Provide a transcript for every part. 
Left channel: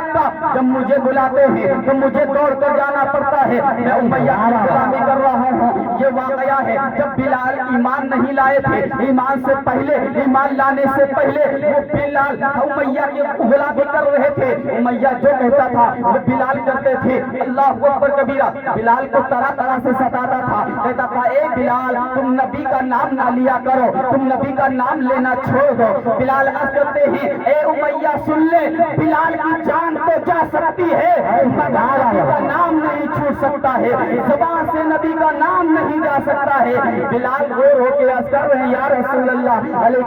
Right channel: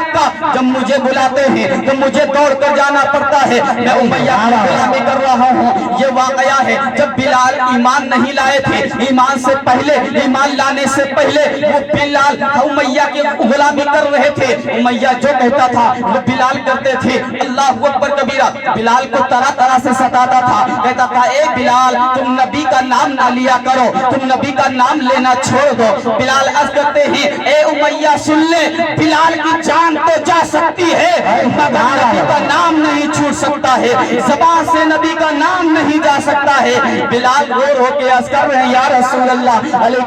مکہ جب مجھے بلاتے ہیں تو مجھے دوڑ کر جانا پڑتا ہے، میں امیہ کی غلامی کر رہا ہوں۔ یہ واقعہ ہے جب بلال ایمان نہیں لائے تھے، ایمان سے پہلے، ایمان لانے سے پہلے وہ بلال امیہ کی غلامی کر رہے تھے۔ امیہ جو کہتا تھا وہ بلال کرتے تھے۔ اللہ اکبر کبیرہ، بلال کو طرح طرح سے ستاتا تھا، کہتا تھا اے بلال تم نبی کا نام نہ لیا کرو، تم نبی کا نام لینا چھوڑ دو۔ بلال عرض کرتے ہیں اے امیہ سن لے، بلال کی جان تو جا سکتی ہے مگر نبی کا نام نہیں چھوٹ سکتا ہے، زبان سے نبی کا نام نہیں جا سکتا ہے۔ بلال رو رو کے عرض کر رہے ہیں یا رسول اللہ علیہ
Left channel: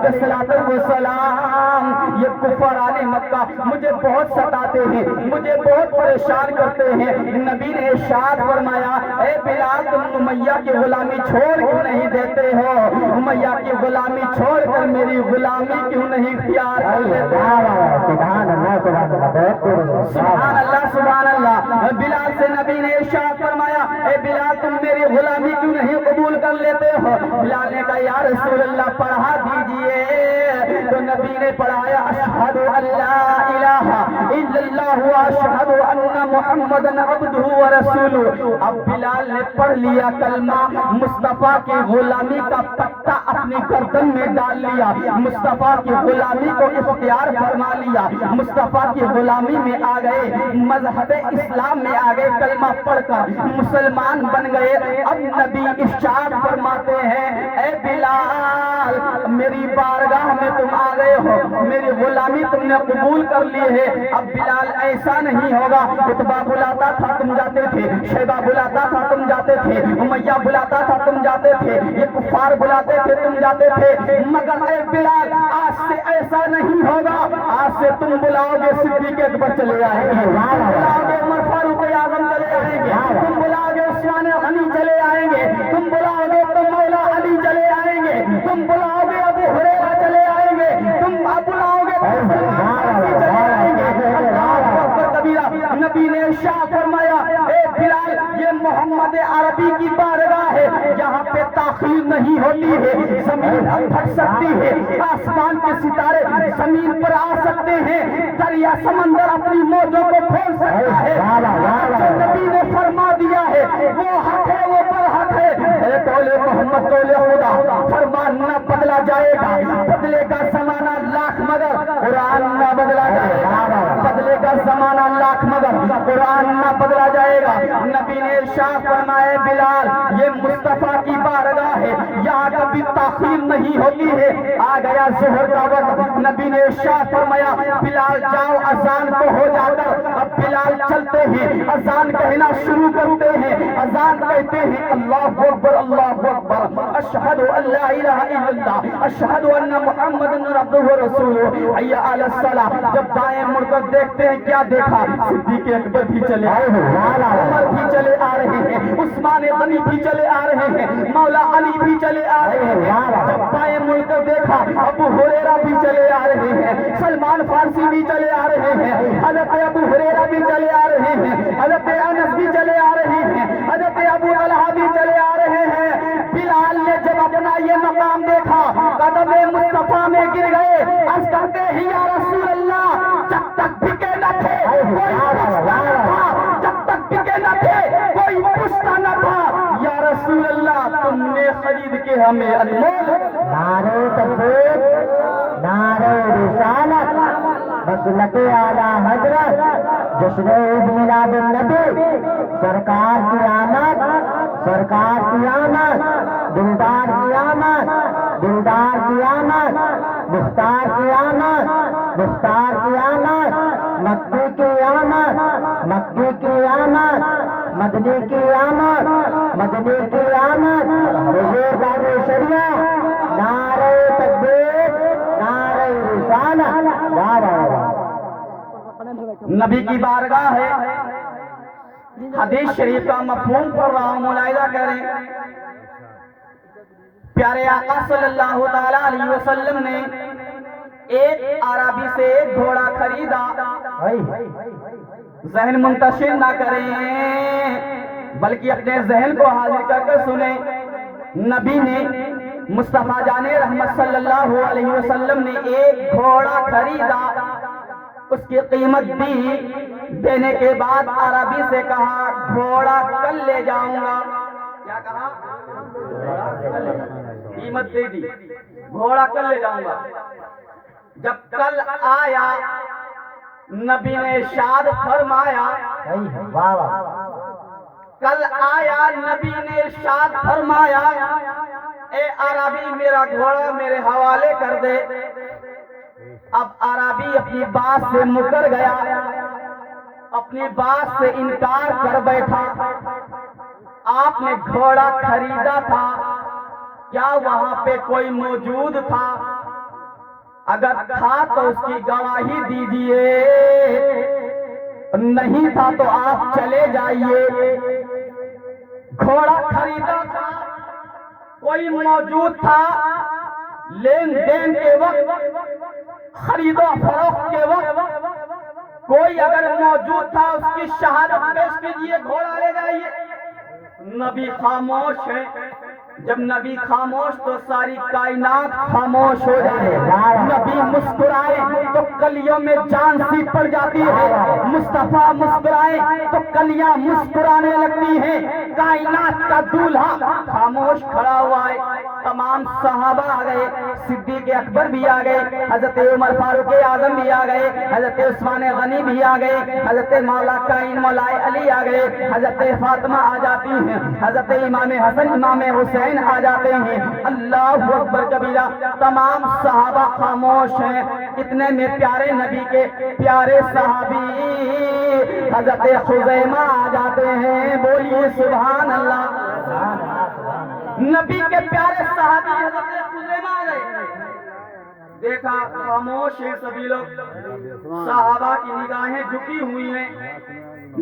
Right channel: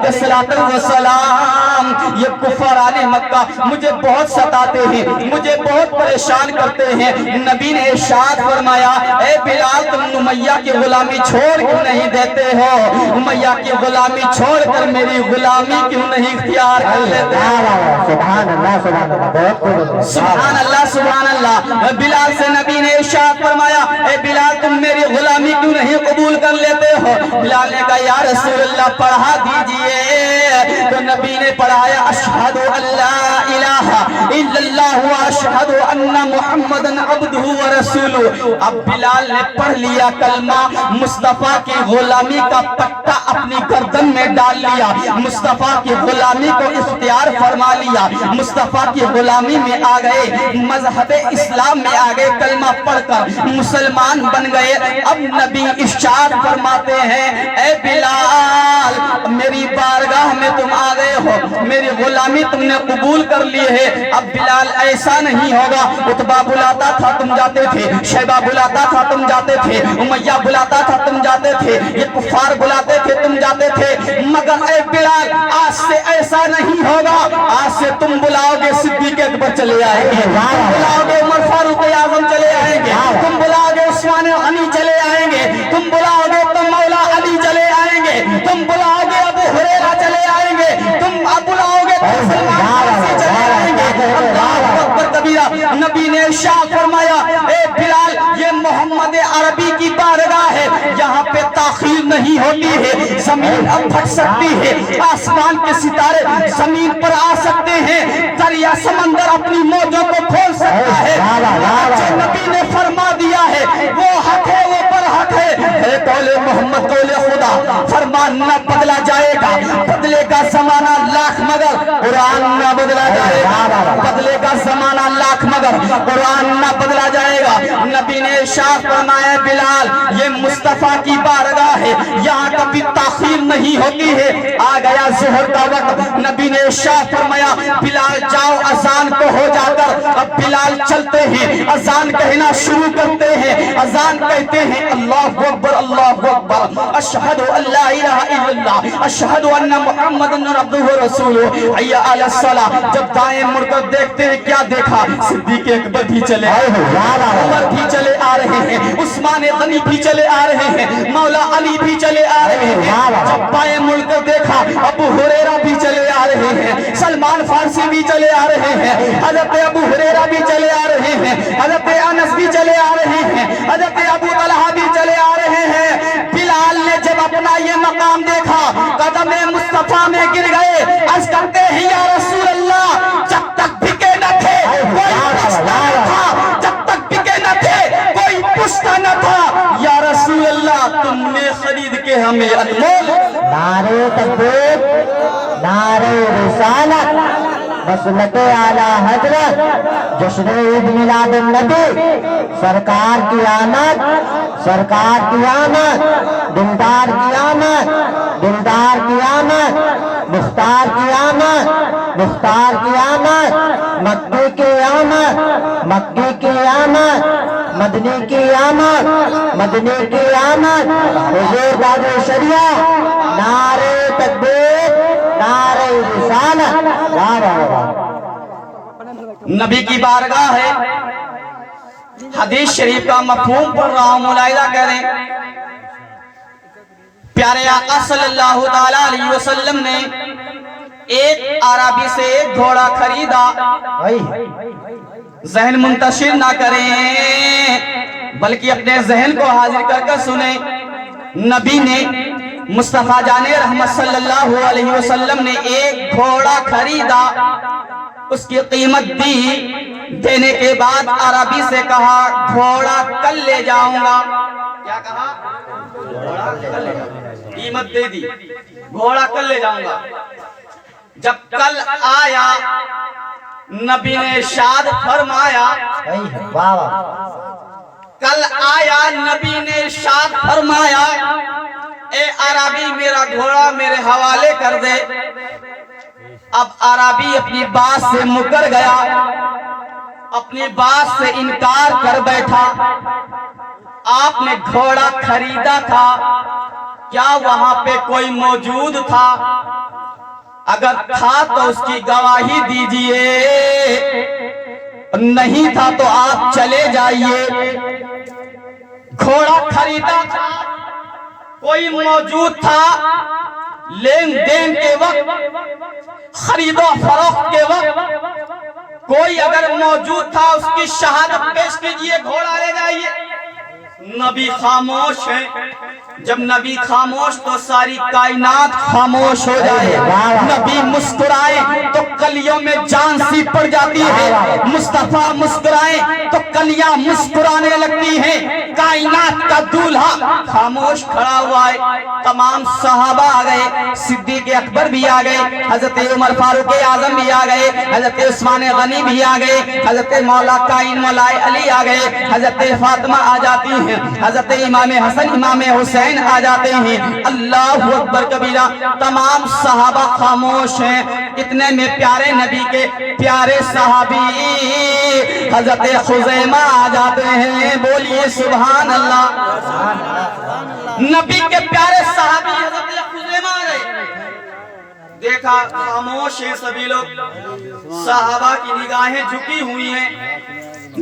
السلام، یہ کفار مکہ مجھے بہت ستاتے ہیں، مجھے بہت پریشان کرتے ہیں۔ نبی نے ارشاد فرمایا اے بلال تم امیہ کی غلامی چھوڑ کیوں نہیں دیتے ہو، امیہ کی غلامی چھوڑ کر میری غلامی کیوں نہیں اختیار کر لیتے ہو؟ سبحان اللہ سبحان اللہ، سبحان اللہ سبحان اللہ۔ بلال سے نبی نے ارشاد فرمایا اے بلال تم میری غلامی کیوں نہیں قبول کر لیتے ہو؟ بلال نے کہا یا رسول اللہ پڑھا دیجئے، تو نبی نے پڑھایا اشہد ان لا الہ الا اللہ و اشہد ان محمد عبدہ و رسولہ۔ اب بلال نے پڑھ لیا کلمہ، مصطفیٰ کی غلامی کا پٹا اپنی گردن میں ڈال لیا، مصطفیٰ کی غلامی کو اختیار فرما لیا، مصطفیٰ کی غلامی میں آ گئے، مذہب اسلام میں آ گئے، کلمہ پڑھ کر مسلمان بن گئے۔ اب نبی ارشاد فرماتے ہیں اے بلال میری بارگاہ میں تم آ گئے ہو، میری غلامی تم نے قبول کر لی ہے۔ اب بلال ایسا نہیں ہوگا، عتبہ بلاتا تھا تم جاتے تھے، شیبہ بلاتا تھا تم جاتے تھے، امیہ بلاتا تھا تم جاتے تھے، یہ کفار بلاتے تھے تم جاتے تھے، مگر اے بلال آج سے ایسا نہیں ہوگا، آج سے تم بلاؤ گے صدیق اکبر چلے آئیں گے، تم بلاؤ گے عمر فاروق اعظم چلے آئیں گے، تم بلاؤ گے عثمان غنی چلے آئیں گے، تم بلاؤ گے تم مولا علی چلے آئیں گے، تم بلاؤ گے ابو ہریرہ چلے آئیں گے، تم بلاؤ گے سلمان فارسی چلے آئیں گے۔ اللہ اکبر کبیرہ، نبی نے ارشاد فرمایا اے بلال یہ محمد عربی کی بارگاہ ہے، یہاں پہ تاخیر نہیں ہوتی ہے، زمین اب پھٹ سکتی ہے، آسمان کے ستارے زمین پر آ سکتے ہیں، دریا سمندر اپنی موجوں کو کھول سکتا ہے، جو نبی نے فرما دیا ہے وہ حق ہے، وہ پر حق ہے۔ اے قول محمد قول خدا، فرمان نہ بدلا جائے گا، بدلے کا زمانہ لاکھ مگر قرآن نہ بدلا جائے گا، بدلے کا زمانہ لاکھ مگر قرآن نہ بدلا جائے گا۔ نبی نے ارشاد فرمایا بلال یہ مصطفیٰ کی بارگاہ ہے، یہاں کبھی تاخیر نہیں ہوتی ہے۔ آ گیا ظہر کا وقت، نبی نے ارشاد فرمایا بلال جاؤ اذان کو ہو جا کر۔ اب بلال چلتے ہیں، اذان کہنا شروع کرتے ہیں، اذان کہتے ہیں اللہ اکبر اللہ اکبر، اشہد ان لا الہ الا اللہ، اشہد ان محمد عبدہ و رسولہ، حی علی الصلاۃ۔ جب دائیں مڑ کر دیکھتے ہیں کیا دیکھا، صدیق اکبر بھی چلے آئے ہیں، عمر بھی چلے آ رہے ہیں، عثمان غنی بھی چلے آ رہے ہیں، مولا علی بھی چلے آ رہے ہیں۔ جب بائیں مڑ کر دیکھا ابو ہریرہ بھی چلے آ رہے ہیں، سلمان فارسی بھی چلے آ رہے ہیں، حضرت ابو ہریرہ بھی چلے آ رہے ہیں، حضرت انس بھی چلے آ رہے ہیں، حضرت ابو طلحہ بھی چلے آ رہے ہیں۔ بلال نے جب اپنا یہ مقام دیکھا قدم مصطفیٰ میں گر گئے، عرض کرتے ہیں یا رسول اللہ جب تک بکے نہ تھے کوئی پوچھتا نہ تھا، جب تک بکے نہ تھے کوئی پوچھتا نہ تھا، یا رسول اللہ تم نے خرید کے ہمیں انمول۔ نعرہ تکبیر، نعرہ رسالت، مسلک اعلی حضرت، جشن عید میلاد النبی، سرکار کی آمد، سرکار کی آمد، دلدار کی آمد، دلدار کی آمد، مختار کی آمد، مختار کی آمد، مکی کی آمد، مکی کی آمد، مدنی کی آمد، مدنی کی آمد، حضور داد شریعہ، نعرہ تکبیر، نعرہ رسالت، نعرہ نبی کی بارگاہ ہے، حدیث شریف کا مفہوم پڑھ رہا ہوں، ملاحظہ کریں۔ پیارے آقا صلی اللہ تعالیٰ علیہ وسلم نے ایک عربی سے گھوڑا خریدا، ذہن منتشر نہ کریں بلکہ اپنے ذہن کو حاضر کر کر سنیں۔ نبی نے مصطفیٰ جان رحمت صلی اللہ علیہ وسلم نے ایک گھوڑا خریدا، اس کی قیمت دی دینے کے بعد عربی سے کہا گھوڑا کل لے جاؤں گا. کیا کہا؟ گھوڑا کل لے جاؤں گا. قیمت دے دی، گھوڑا کل لے جاؤں گا. جب کل آیا نبی نے ارشاد فرمایا، واہ واہ، کل آیا نبی نے ارشاد فرمایا اے عربی میرا گھوڑا میرے حوالے کر دے. اب عربی اپنی بات سے مکر گیا، اپنی بات سے انکار کر بیٹھا. آپ نے گھوڑا خریدا تھا، کیا وہاں پہ کوئی موجود تھا؟ اگر تھا تو اس کی گواہی دیجئے، نہیں تھا تو آپ چلے جائیے. گھوڑا خریدا تھا، کوئی موجود تھا، لین دین کے وقت، خرید و فروخت کے وقت کوئی اگر موجود تھا اس کی شہادت پیش کیجئے، گھوڑا لے جائیے. نبی خاموش ہیں. جب نبی خاموش تو ساری کائنات خاموش ہو جائے. نبی مسکرائے تو کلیوں میں جان سی پڑ جاتی ہے. مصطفیٰ مسکرائے تو کلیاں مسکرانے لگتی ہیں. کائنات کا دولہا خاموش کھڑا ہوا ہے. تمام صحابہ آ گئے، صدیق اکبر بھی آ گئے، حضرت عمر فاروق اعظم بھی آ گئے، حضرت عثمان غنی بھی آ گئے، حضرت مولا کائن مولا علی آ گئے، حضرت فاطمہ آ جاتی ہیں، حضرت امام حسن امام حسین آ جاتے ہیں. اللہ اکبر کبیرہ. تمام صحابہ خاموش ہیں. اتنے میں پیارے نبی کے پیارے صحابی حضرت خزیمہ آ جاتے ہیں. بولیے سبحان اللہ. نبی کے پیارے صحابی حضرت خزیمہ آ گئے. دیکھا خاموش ہیں سبھی لوگ، صحابہ کی نگاہیں جھکی ہوئی ہیں.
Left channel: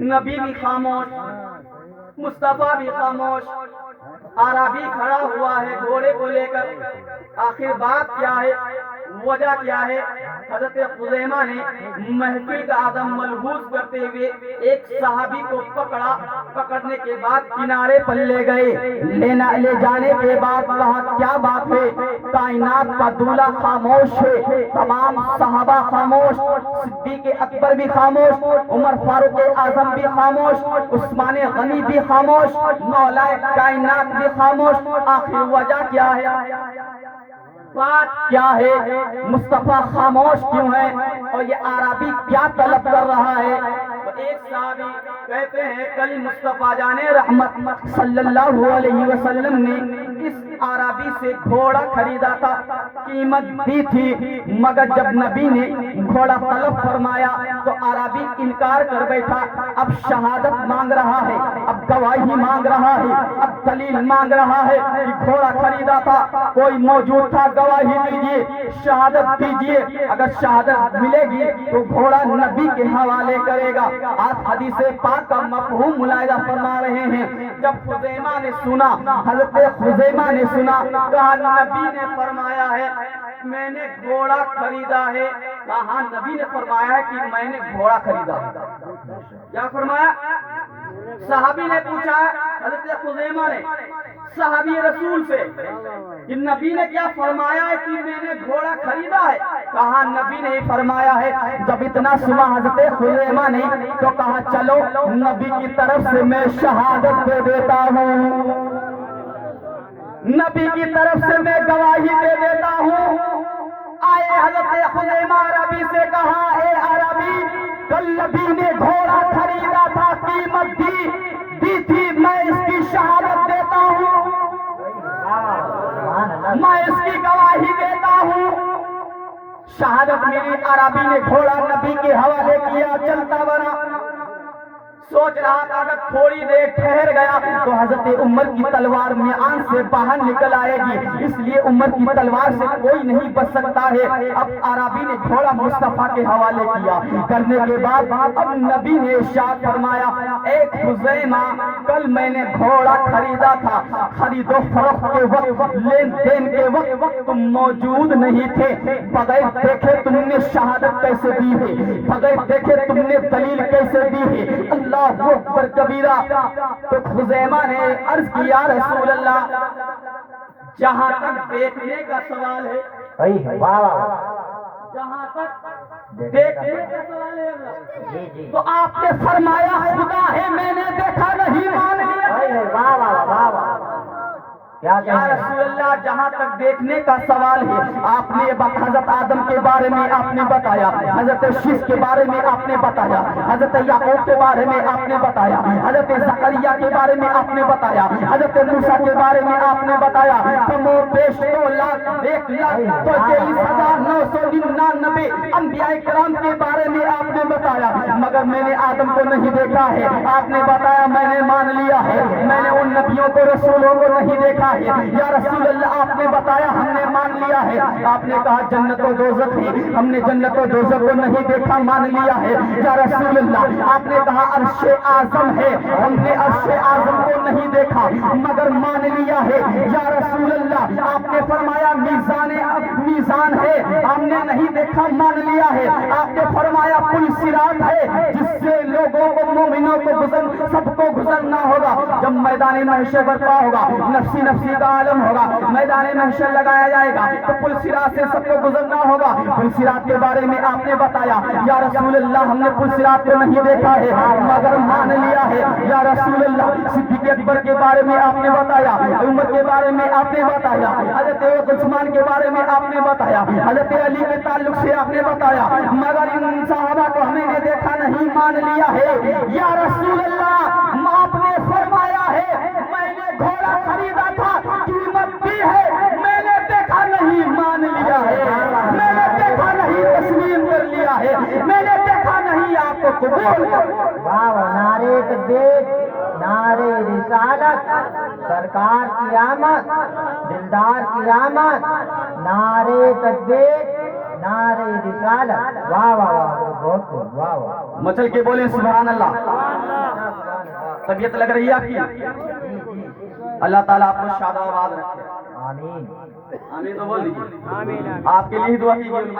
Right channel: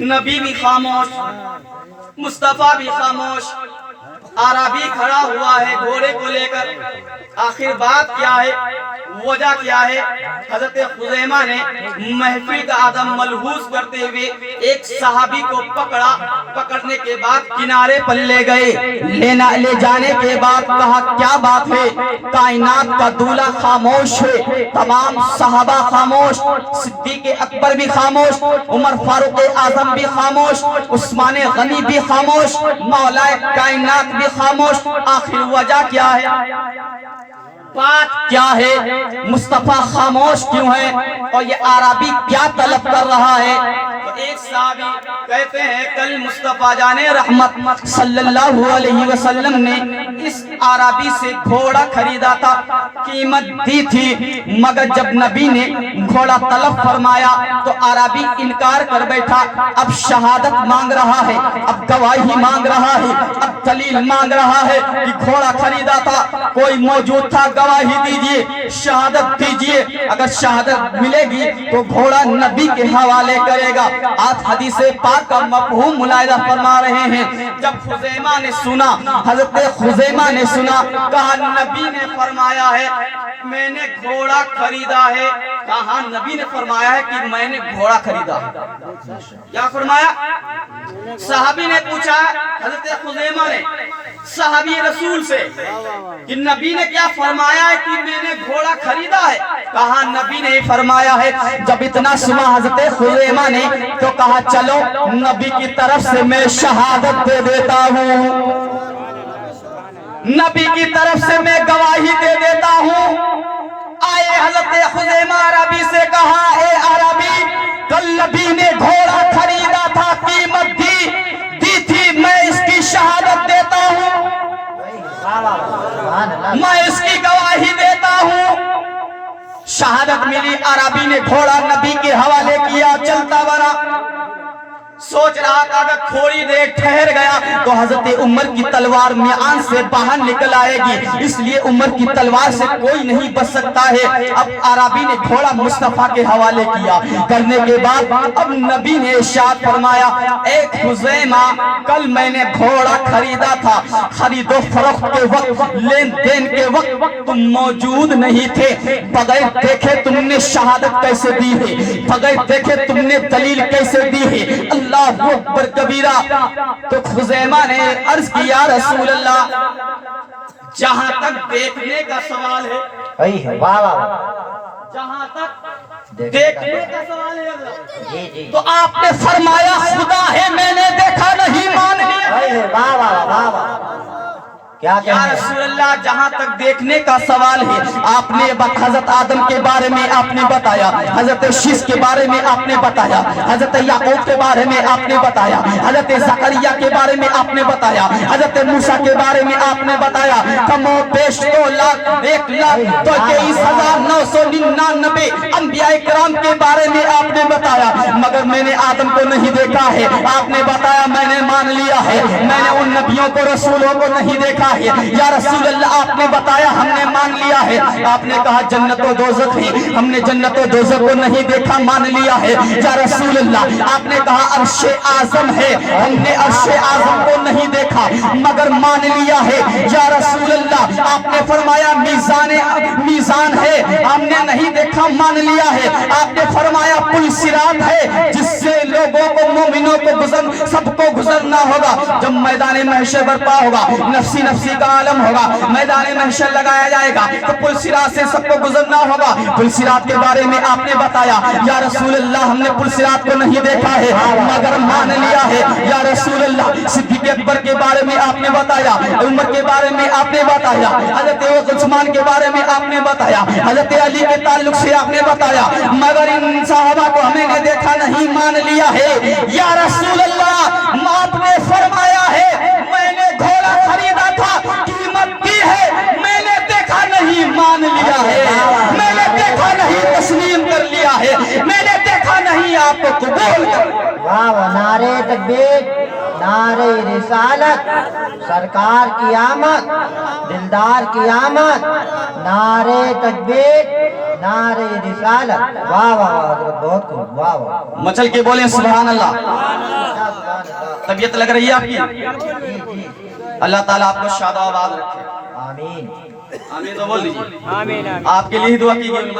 نبی بھی خاموش، مصطفیٰ بھی خاموش. عربی کھڑا ہوا ہے گھوڑے کو لے کر. آخر بات کیا ہے، وجہ کیا ہے؟ حضرت خزیمہ نے محفل کا عدم ملحوظ کرتے ہوئے ایک صحابی کو پکڑا. پکڑنے کے بعد کنارے پر لے گئے. لے جانے کے بعد کہا کیا بات ہے؟ کائنات کا دولہ خاموش ہے. تمام صحابہ خاموش، صدیق اکبر بھی خاموش، عمر فاروق اعظم بھی خاموش، عثمان غنی بھی خاموش، مولا کائنات بھی خاموش. آخر وجہ کیا ہے؟ بات کیا ہے؟ مصطفیٰ خاموش کیوں ہے؟ اور یہ عربی کیا طلب کر رہا ہے؟ تو ایک صحابی کہتے ہیں کل مصطفیٰ جان رحمت صلی اللہ علیہ وسلم نے اس عربی سے گھوڑا خریدا تھا، قیمت دی تھی، مگر جب نبی نے گھوڑا طلب فرمایا تو عربی انکار کر بیٹھا. اب شہادت مانگ رہا ہے، اب گواہی مانگ رہا ہے، اب دلیل مانگ رہا ہے کہ گھوڑا خریدا تھا، کوئی موجود تھا، گواہی دیجئے، شہادت دیجئے. اگر شہادت ملے گی تو گھوڑا نبی کے حوالے کرے گا. آپ حدیث پاک کا مفہوم ملاحظہ فرما رہے ہیں. جب خزیمہ نے سنا، حضرت خزیمہ نے سنا، کہا نبی نے فرمایا ہے میں نے گھوڑا خریدا ہے. کہا نبی نے فرمایا ہے کہ میں نے گھوڑا خریدا ہے. کیا فرمایا؟ صحابی نے پوچھا حضرت خزیمہ نے صحابی رسول سے کہ نبی نے کیا فرمایا ہے کہ میں نے گھوڑا خریدا ہے؟ کہا نبی نے فرمایا ہے. جب اتنا سنا حضرت خزیمہ نے تو کہا چلو نبی کی طرف سے میں شہادت دے دیتا ہوں، نبی کی طرف سے میں گواہی دے دیتا ہوں. آئے حضرت خزیمہ عربی سے کہا اے عربی، کل نبی نے گھوڑا خریدا تھا، قیمت دی تھی، میں اس کی شہادت دیتا ہوں، میں اس کی گواہی دیتا ہوں. شہادت ملی، عربی نے گھوڑا نبی کے حوالے کیا. چلتا بڑا سوچ رہا تھا اگر تھوڑی دیر ٹھہر گیا تو حضرت عمر کی تلوار میان سے باہر نکل آئے گی، اس لیے عمر کی تلوار سے کوئی نہیں بچ سکتا ہے. اب عربی نے گھوڑا مصطفیٰ کے حوالے کیا. کرنے کے بعد اب نبی نے ارشاد فرمایا اے خزیمہ، کل میں نے گھوڑا خریدا تھا، خرید و فروخت کے وقت، لین دین کے وقت تم موجود نہیں تھے. بغیر دیکھے تم نے شہادت کیسے دی ہے؟ بغیر دیکھے تم نے دلیل کیسے دی ہے؟ اللہ اکبر کبیرہ. تو خزیمہ نے عرض کیا رسول اللہ، جہاں تک دیکھنے کا سوال ہے، واہ واہ، جہاں تک دیکھنے کا سوال ہے اگلا۔ جی جی تو آپ نے فرمایا خدا ہے میں نے دیکھا نہیں مان لیا۔ واہ واہ واہ واہ کیا یا کہنا ہے؟ رسول اللہ جہاں تک دیکھنے کا سوال ہے آپ نے حضرت آدم کے بارے میں آپ نے بتایا، حضرت شیش کے بارے میں آپ نے بتایا، حضرت یعقوب کے بارے میں آپ نے بتایا، حضرت زکریا کے بارے میں آپ نے بتایا، حضرت موسیٰ کے بارے میں آپ نے بتایا، کم و بیش 2,01,23,999 انبیاء کرام کے بارے میں آپ نے بتایا، مگر میں نے آدم کو نہیں دیکھا ہے۔ آپ نے بتایا میں نے مان لیا ہے، میں نے ان نبیوں کو رسولوں کو نہیں دیکھا ہے۔ یا رسول اللہ آپ نے بتایا ہم نے مان لیا ہے۔ آپ نے کہا جنت و دوزخ ہے، ہم نے جنت و دوزخ کو نہیں دیکھا مان لیا ہے۔ یا رسول اللہ آپ نے کہا عرش اعظم ہے، ہم نے عرش اعظم کو نہیں دیکھا مگر مان لیا ہے۔ یا رسول اللہ آپ نے فرمایا میزان ہے، ہم نے نہیں دیکھا مان لیا ہے۔ آپ نے فرمایا پل صراط ہے جس سے لوگوں کو مومنوں کو سب کو گزرنا ہوگا۔ جب میدان محشر برپا ہوگا، نفسی نفسی کا عالم ہوگا، میدان محشر لگایا جائے گا تو پل صراط سے سب کو گزرنا ہوگا۔ پل صراط کے بارے میں آپ نے بتایا یا رسول اللہ ہم نے پل صراط کو نہیں دیکھا ہے مگر مان لیا ہے۔ یا رسول اللہ صدیق اکبر کے بارے میں آپ نے بتایا، عمر کے بارے میں آپ نے بتایا، حضرت عثمان کے بارے میں آپ نے بتایا، حضرت علی کے تعلق سے آپ نے بتایا، مگر ان صحابہ کو ہمیں نے دیکھا نہیں مان لیا ہے۔ یا رسول اللہ آپ نے فرمایا ہے میں نے گھوڑا خریدا تھا قیمت دی ہے، میں نے دیکھا نہیں مان لیا ہے، میں نے دیکھا نہیں تسلیم کر لیا ہے، میں نے دیکھا نہیں آپ کو قبول کر لیا۔ واہ واہ نعرے تکبیر، نعرے رسالت، سرکار کی آمد، دلدار کی آمد، نعرے تکبیر، نعرے رسالت، واہ واہ واہ بہت خوب، واہ واہ مچل کے بولیں سبحان اللہ۔ طبیعت لگ رہی ہے آپ کی؟ اللہ تعالیٰ آپ کو شاد و آباد رکھے۔ آمین آمین تو بول دیجیے۔ آپ کے لیے دعا کی گئی،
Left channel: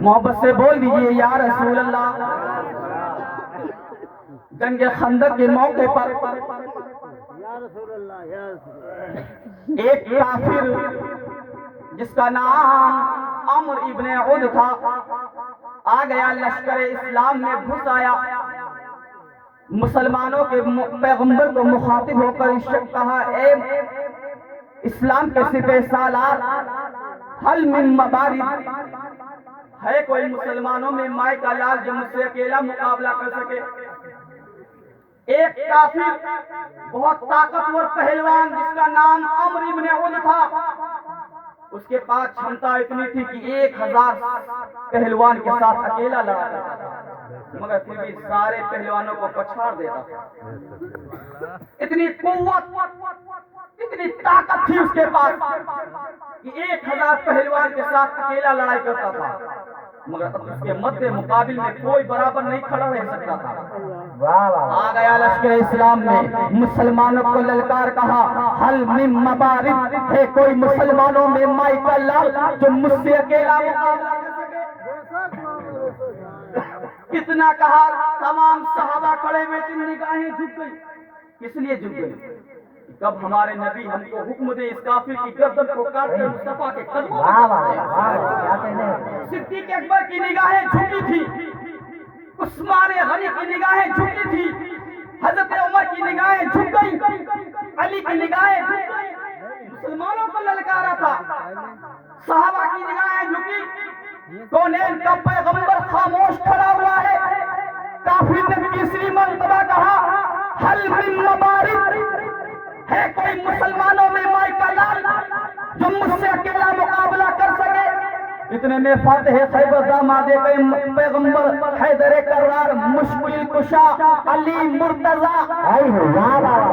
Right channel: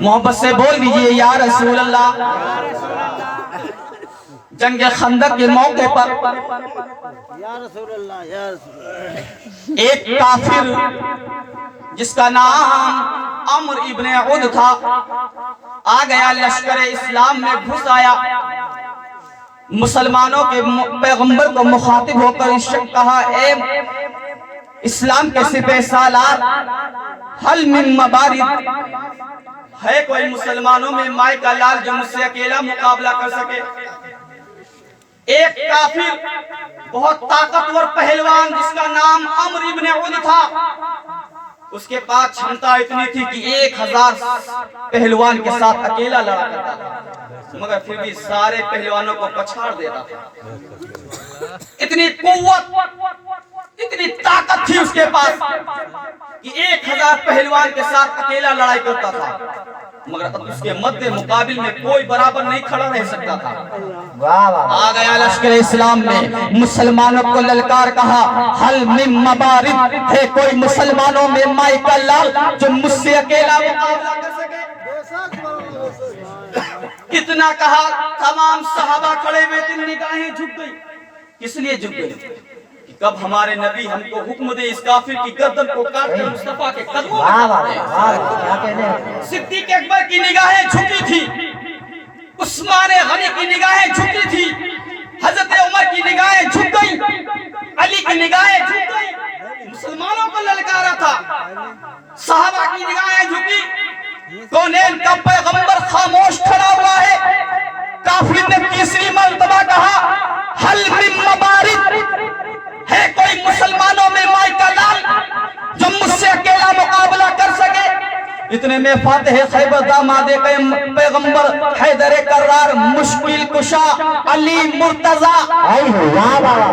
محبت سے بول دیجیے یا رسول اللہ۔ جنگ خندق کے موقع پر ایک کافر جس کا نام عمر ابن عود تھا آ گیا، لشکر اسلام میں گھس آیا، مسلمانوں کے پیغمبر کو مخاطب ہو کر کہا اے اسلام کے سپہ سالار حل من مبارد، ہے کوئی مسلمانوں میں مائی کا لال جو مجھ سے اکیلا مقابلہ کر سکے؟ ایک کافر بہت طاقتور پہلوان جس کا نام عمر ابن عود تھا، اس کے پاس چھمتا اتنی تھی کہ 1000 پہلوان کے ساتھ اکیلا لڑا کرتا تھا، مگر پھر بھی سارے پہلوانوں کو پچھاڑ دیتا تھا۔ اتنی قوت، اتنی طاقت تھی اس کے پاس کہ 1000 پہلوان کے ساتھ اکیلا لڑائی کرتا تھا، مگر اب اس کے مد مقابل میں کوئی برابر نہیں کھڑا رہ سکتا تھا۔ واہ واہ آ گیا لشکر اسلام میں، مسلمانوں کو للکار کہا حل من مبارد، ہے کوئی مسلمانوں میں مائی کا لال جو مجھ سے اکیلا مقابلہ کر سکے؟ کتنا کہا، تمام صحابہ کھڑے ہوئے تھے، نگاہیں جھک گئی۔ کس لیے جھک گئی؟ کہ کب ہمارے نبی ہم کو حکم دے اس کافر کی گردن کو کاٹ کر مصطفیٰ کے قدموں میں واہ ڈال دے۔ واہ کیا کہنے ہیں؟ صدیق اکبر کی نگاہیں جھکی تھی، عثمان غنی کی نگاہیں جھکی تھی، حضرت عمر کی نگاہیں جھک گئی، علی کی نگاہیں جھک گئی، مسلمانوں کو للکارا تھا، صحابہ کی نگاہیں جھکی، کونین کا پیغمبر خاموش کھڑا ہوا ہے۔ کافر نے تیسری مرتبہ کہا حل من مبارد، ہے کوئی مسلمانوں میں مائی کا لال جو مجھ سے اکیلا مقابلہ کر سکے؟ اتنے میں فاتح خیبر داماد پیغمبر حیدر کرار مشکل کشا علی مرتضی، واہ واہ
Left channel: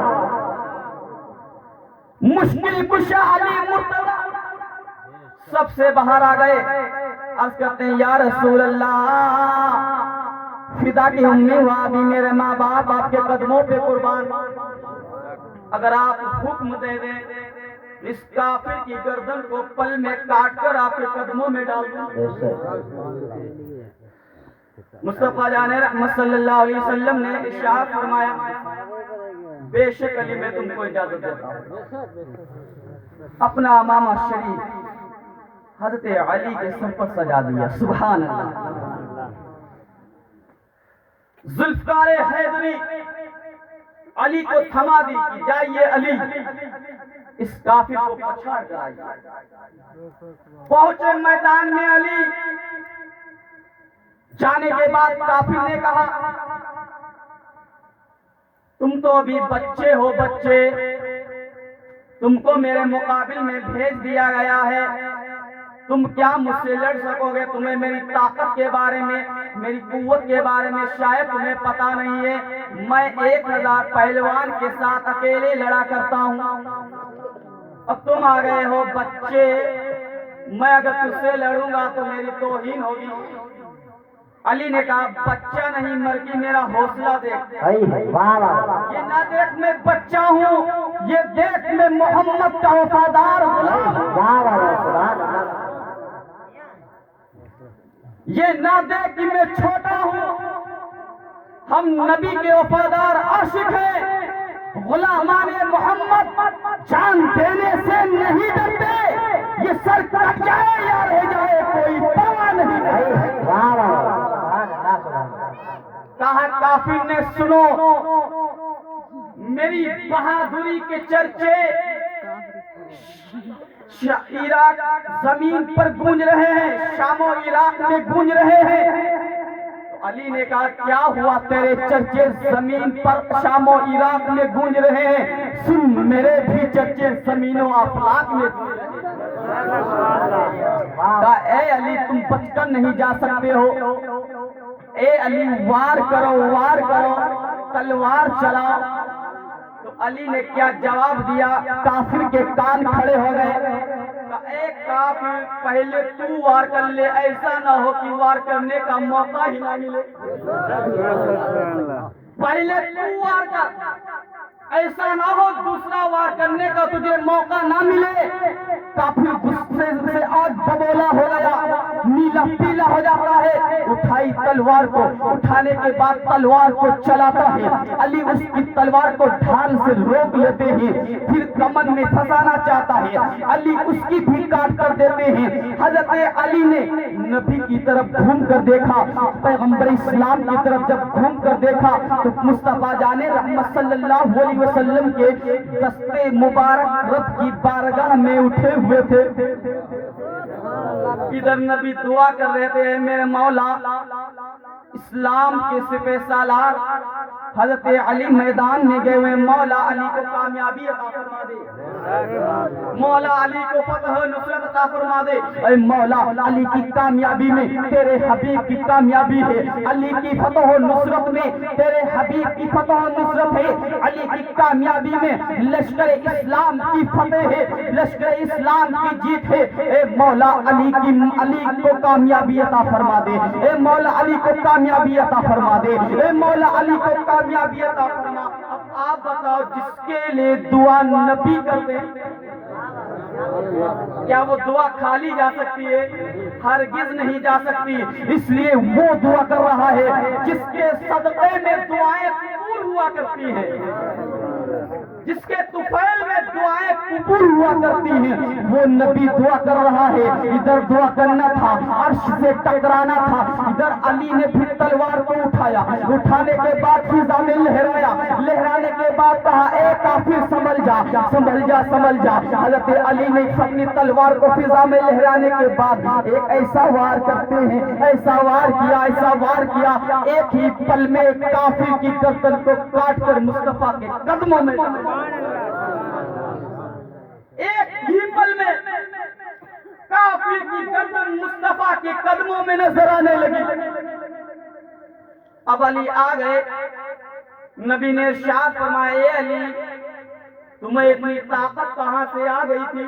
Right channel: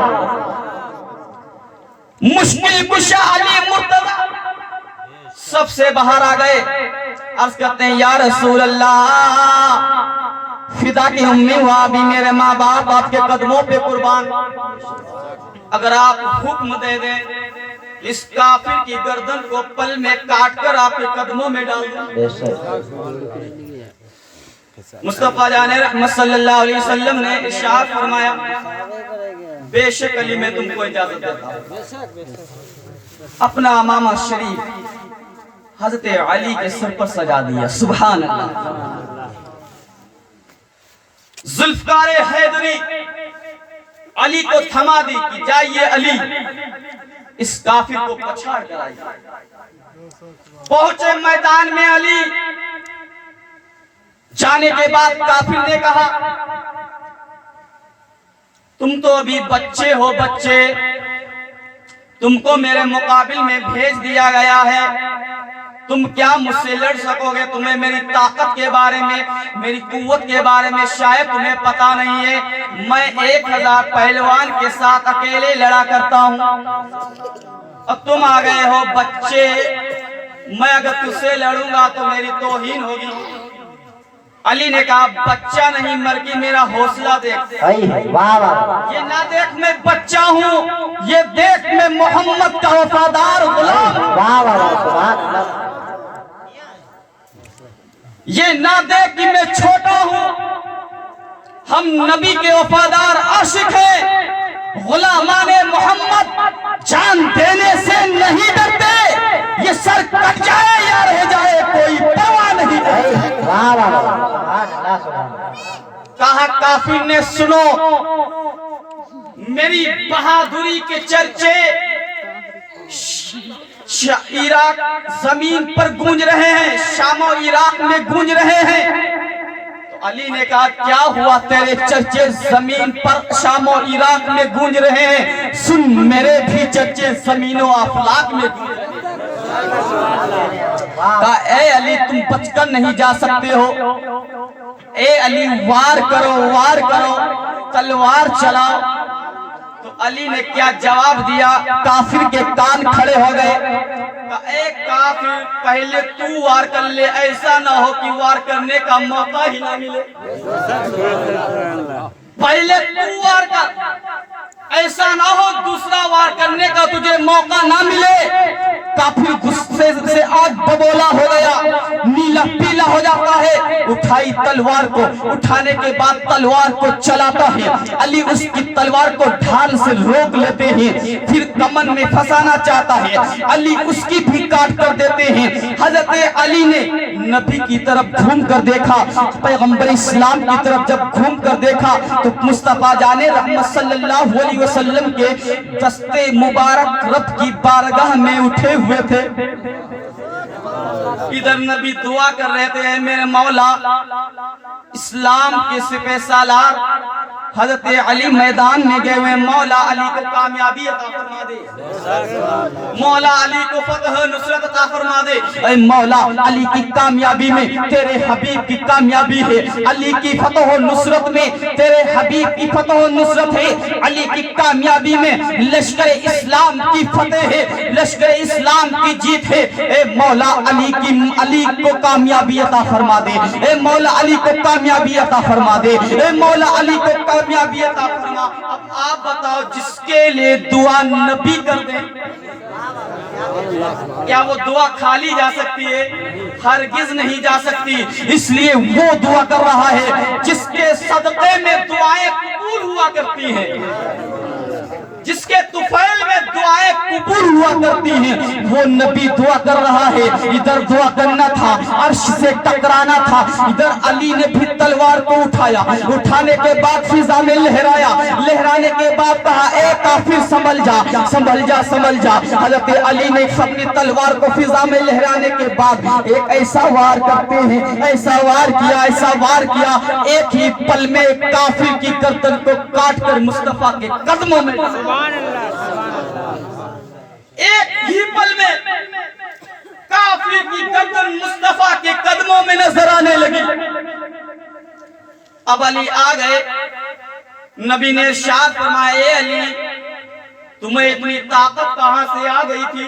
مشکل کشا علی مرتضی سب سے باہر آ گئے، عرض کرتے ہیں یا رسول اللہ فدا کی امی و ابی، میرے ماں باپ آپ کے قدموں پہ قربان، اگر آپ حکم دے دیں اس کافر کی گردن کو پل میں کاٹ کر آپ کے قدموں میں ڈال دیں۔ مصطفیٰ جان رحمت صلی اللہ علیہ وسلم نے ارشاد فرمایا بے شک علی میں تم کو اجازت دیتا ہوں، اپنا امامہ شریف حضرت علی کے سر پر سجا دیا. سبحان اللہ. ذوالفقار حیدری علی کو تھما دی کہ جائیے علی اس کافر کو پچھاڑ کر آئیے. پہنچے میدان میں علی. جانے کے بعد کافر نے کہا تم تو ابھی بچے ہو بچے, تم کو میرے مقابل میں بھیج دیا گیا ہے, تم کیا مجھ سے لڑ سکو گے؟ تمہیں میری طاقت کے بارے میں, میری قوت کے بارے میں شاید تمہیں پتا نہیں ہے. میں 1000 پہلوان کے ساتھ اکیلے لڑا کرتا ہوں, اب تم آ گئے ہو بچے, میں اگر تجھ سے لڑوں گا تو میری توہین ہوگی. علی نے کہا بچہ نہیں مرگی, میرا حوصلہ دیکھ. یہ نہ دیکھ میں بچہ ہوں, یہ دیکھ میں محمد کا وفادار غلام. یہ نہ دیکھ کہ میں چھوٹا ہوں, ہم نبی کے وفادار عاشق ہیں. غلامان محمد جان دینے سے نہیں ڈرتے, یہ سر کٹ جائے یا رہ جائے کوئی پرواہ نہیں. کہا کافر نے سنو, میری بہادری کے چرچے عراق زمین پر گونج رہے ہیں, شام و عراق میں گونج رہے ہیں. تو علی نے کہا کیا ہوا تیرے چرچے زمین پر شام و عراق میں گونج رہے ہیں؟ سن میرے بھی چرچے زمین و افلاک میں گونج رہے ہیں. کہا اے علی تم بچ کر نہیں جا سکتے ہو, اے علی وار کرو وار کرو, تلوار چلاؤ. تو علی نے کیا جواب دیا؟ کافر کے کان کھڑے ہو گئے. اے کافر پہلے تو وار کر لے, ایسا نہ ہو کہ وار کرنے کا موقع ہی نہ ملے. پہلے تو وار کر, ایسا نہ ہو دوسرا وار کرنے کا تجھے موقع نہ ملے. کافر غصے سے آگ ببولا ہو گیا, نیلا پیلا ہو جاتا ہے. اٹھائی تلوار کو, اٹھانے کے بعد تلوار کو چلاتا ہے. علی اس کی تلوار کو ڈھال سے روک لیتے ہیں, پھر کمن میں پھنسانا چاہتا ہے. علی اس کی بھی کاٹ کر دیتے ہیں. حضرت علی نے نبی کی طرف گھوم کر دیکھا, پیغمبر اسلام کی طرف جب گھوم کر دیکھا تو مصطفیٰ جان رحمت صلی اللہ علیہ وسلم کے دستے مبارک رب کی بارگاہ میں اٹھے ہوئے تھے. ادھر نبی دعا کر رہے تھے, میرے مولا اسلام کے سپہ سالار حضرت علی میدان میں گئے ہوئے, مولا علی کو کامیابی عطا فرما دے, مولا علی کو فتح نصرت عطا فرما دے. اے مولا علی کی کامیابی میں تیرے حبیب کی کامیابی ہے, علی کی فتح و نصرت میں تیرے حبیب کی فتح و نصرت ہے, علی کی کامیابی میں لشکر اسلام کی فتح ہے, لشکر اسلام کی جیت ہے. اے مولا علی کو کامیابی عطا فرما دے, اے مولا علی کو کامیابی عطا فرما دے, اے مولا علی کو کامیابی عطا فرما. اب آپ بتاؤ جس کے لیے دعا نبی کر دیں, کیا وہ دعا کھالی جا سکتی ہے؟ ہرگز نہیں جا سکتی. اس لیے وہ دعا کر رہا ہے جس کے صدقے میں دعائیں قبول ہوا کرتی ہیں, جس کے طفیل میں دعائیں قبول ہوا کرتی ہیں. وہ نبی دعا کر رہا ہے, ادھر دعا کرنا تھا, عرش سے ٹکرانا تھا. ادھر علی نے بھی تلوار کو اٹھایا, اٹھانے کے بعد فضا میں لہرایا, لہرانے کے بعد کہا اے کافر سنبھل جا سنبھل جا سنبھل جا. حضرت علی نے اپنی تلوار کو فضا میں لہرانے کے بعد ایک ایسا وار کرتے ہیں, ایسا وار کیا, ایسا وار کیا, ایک ہی پل میں کافر کی گردن کو کاٹ کر مصطفیٰ کے قدموں میں, ایک ہی پل میں کافر کی گردن مصطفیٰ کے قدموں میں نظر آنے لگی. اب علی آ گئے, نبی نے ارشاد فرمایا اے علی تمہیں اتنی طاقت کہاں سے آ گئی تھی,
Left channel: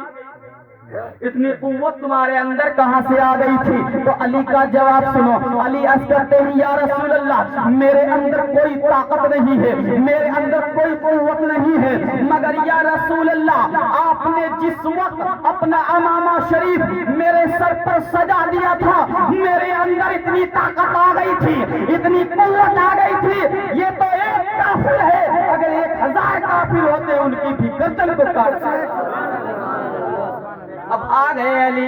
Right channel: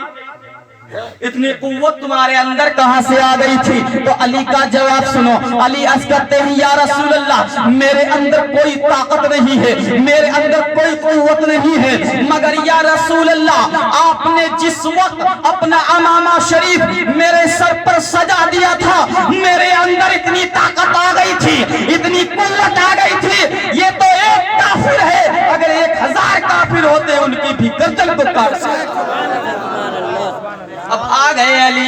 اتنی قوت تمہارے اندر کہاں سے آ گئی تھی؟ تو علی کا جواب سنو. علی عرض کرتے ہیں یا رسول اللہ میرے اندر کوئی طاقت نہیں ہے, میرے اندر کوئی قوت نہیں ہے, مگر یا رسول اللہ آپ نے جس وقت اپنا امامہ شریف میرے سر پر سجا دیا تھا میرے اندر اتنی طاقت آ گئی تھی, اتنی قوت آ گئی تھی. یہ تو ایک کافر ہے, اگر 1000 کافر ہوتے ان کی بھی گردن کو کاٹ سکتے. اب آ گئے علی,